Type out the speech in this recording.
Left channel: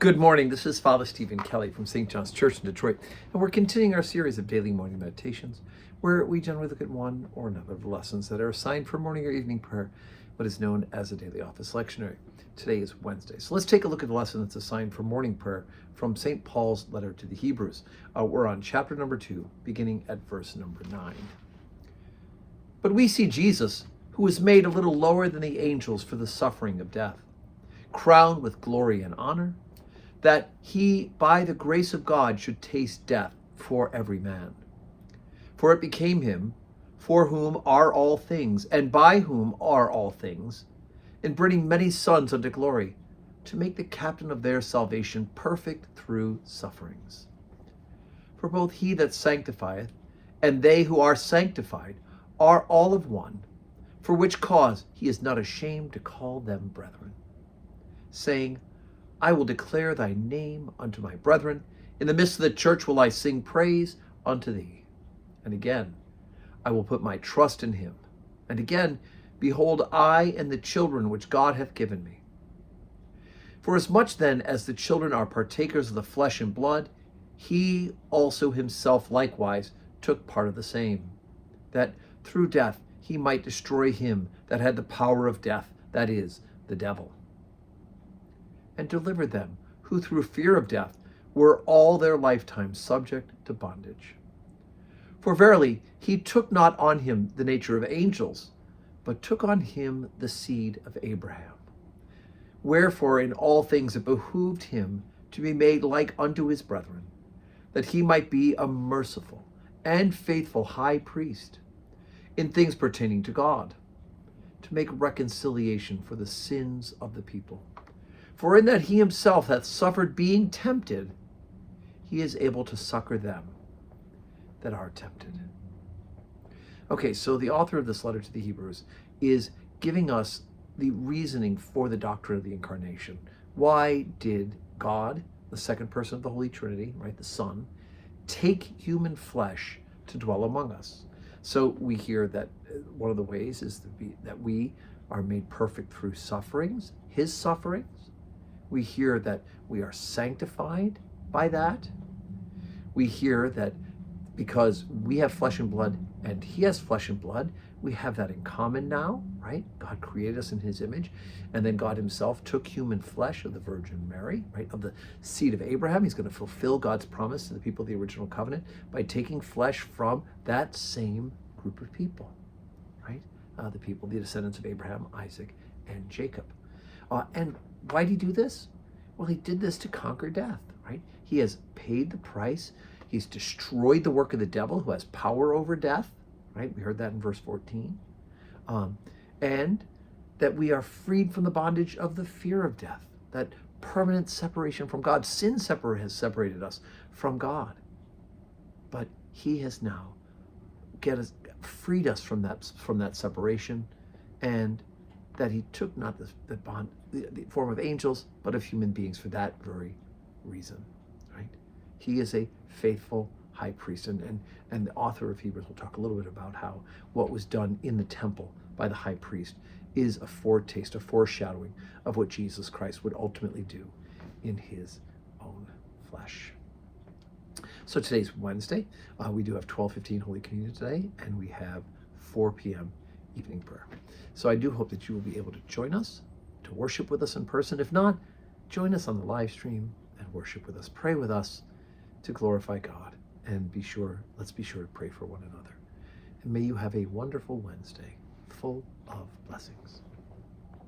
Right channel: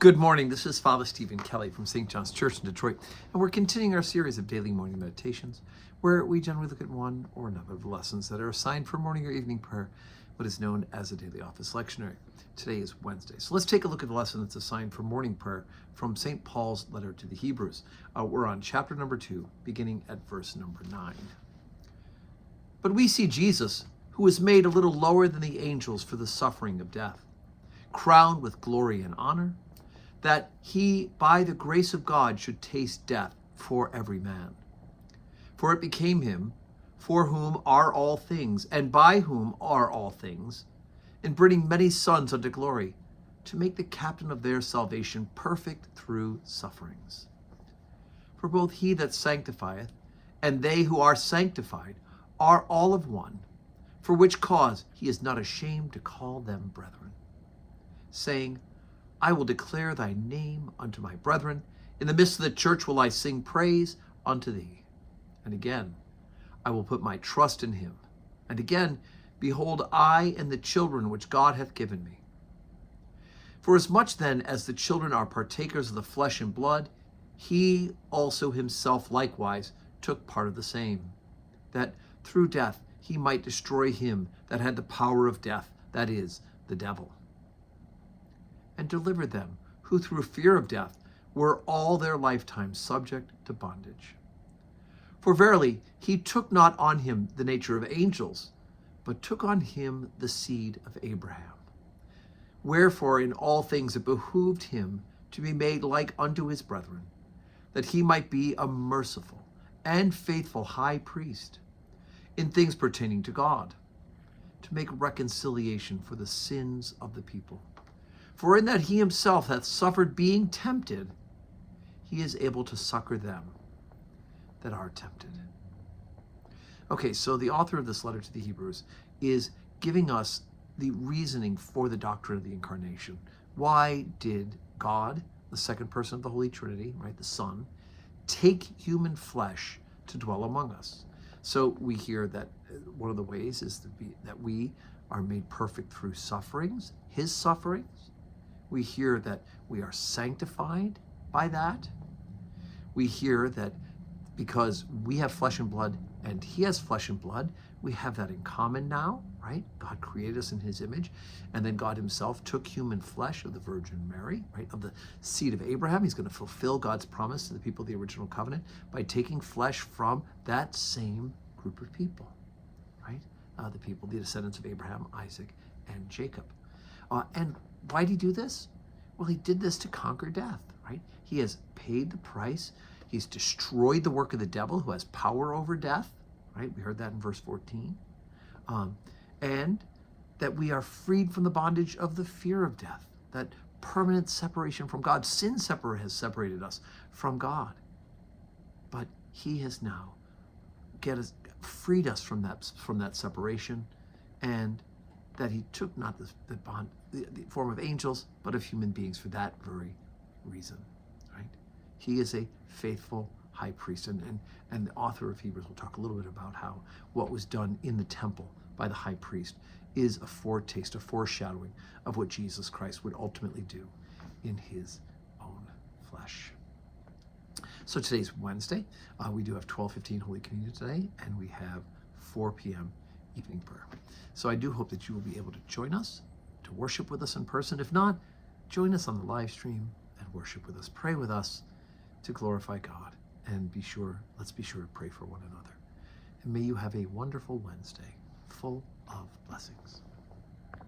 Good morning. This is Father Stephen Kelly from St. John's Church in Detroit, and we're continuing our series of daily morning meditations, where we generally look at one or another of the lessons that are assigned for morning or evening prayer, what is known as a daily office lectionary. Today is Wednesday, so let's take a look at the lesson that's assigned for morning prayer from St. Paul's letter to the Hebrews. We're on chapter number 2, beginning at verse number 9. But we see Jesus, who was made a little lower than the angels for the suffering of death, crowned with glory and honor, that he, by the grace of God, should taste death for every man. For it became him, for whom are all things, and by whom are all things, in bringing many sons unto glory, to make the captain of their salvation perfect through sufferings. For both he that sanctifieth, and they who are sanctified, are all of one, for which cause he is not ashamed to call them brethren, saying, I will declare thy name unto my brethren. In the midst of the church will I sing praise unto thee. And again, I will put my trust in him. And again, behold, I and the children which God hath given me. For as much then as the children are partakers of the flesh and blood, he also himself likewise took part of the same, that through death he might destroy him that had the power of death, that is, the devil, and deliver them who through fear of death were all their lifetime subject to bondage. For verily he took not on him the nature of angels, but took on him the seed of Abraham. Wherefore in all things it behooved him to be made like unto his brethren, that he might be a merciful and faithful high priest in things pertaining to God, to make reconciliation for the sins of the people. For in that he himself hath suffered being tempted, he is able to succor them that are tempted. Okay, so the author of this letter to the Hebrews is giving us the reasoning for the doctrine of the incarnation. Why did God, the second person of the Holy Trinity, right, the Son, take human flesh to dwell among us? So we hear that one of the ways is that we are made perfect through sufferings, his sufferings. We hear that we are sanctified by that. We hear that because we have flesh and blood and he has flesh and blood, we have that in common now, right? God created us in his image. And then God himself took human flesh of the Virgin Mary, right? Of the seed of Abraham. He's going to fulfill God's promise to the people of the original covenant by taking flesh from that same group of people, right? The people, the descendants of Abraham, Isaac, and Jacob. And why did he do this? Well, he did this to conquer death, right? He has paid the price. He's destroyed the work of the devil who has power over death, right? We heard that in verse 14. And that we are freed from the bondage of the fear of death, that permanent separation from God. Sin has separated us from God. But he has now freed us from that separation, and that he took not the form of angels, but of human beings for that very reason, right? He is a faithful high priest, and the author of Hebrews will talk a little bit about how what was done in the temple by the high priest is a foretaste, a foreshadowing of what Jesus Christ would ultimately do in his own flesh. So today's Wednesday. We do have 12:15 Holy Communion today, and we have 4 p.m. evening prayer. So I do hope that you will be able to join us, to worship with us in person. If not, join us on the live stream and worship with us. Pray with us to glorify God. And let's be sure to pray for one another. And may you have a wonderful Wednesday full of blessings.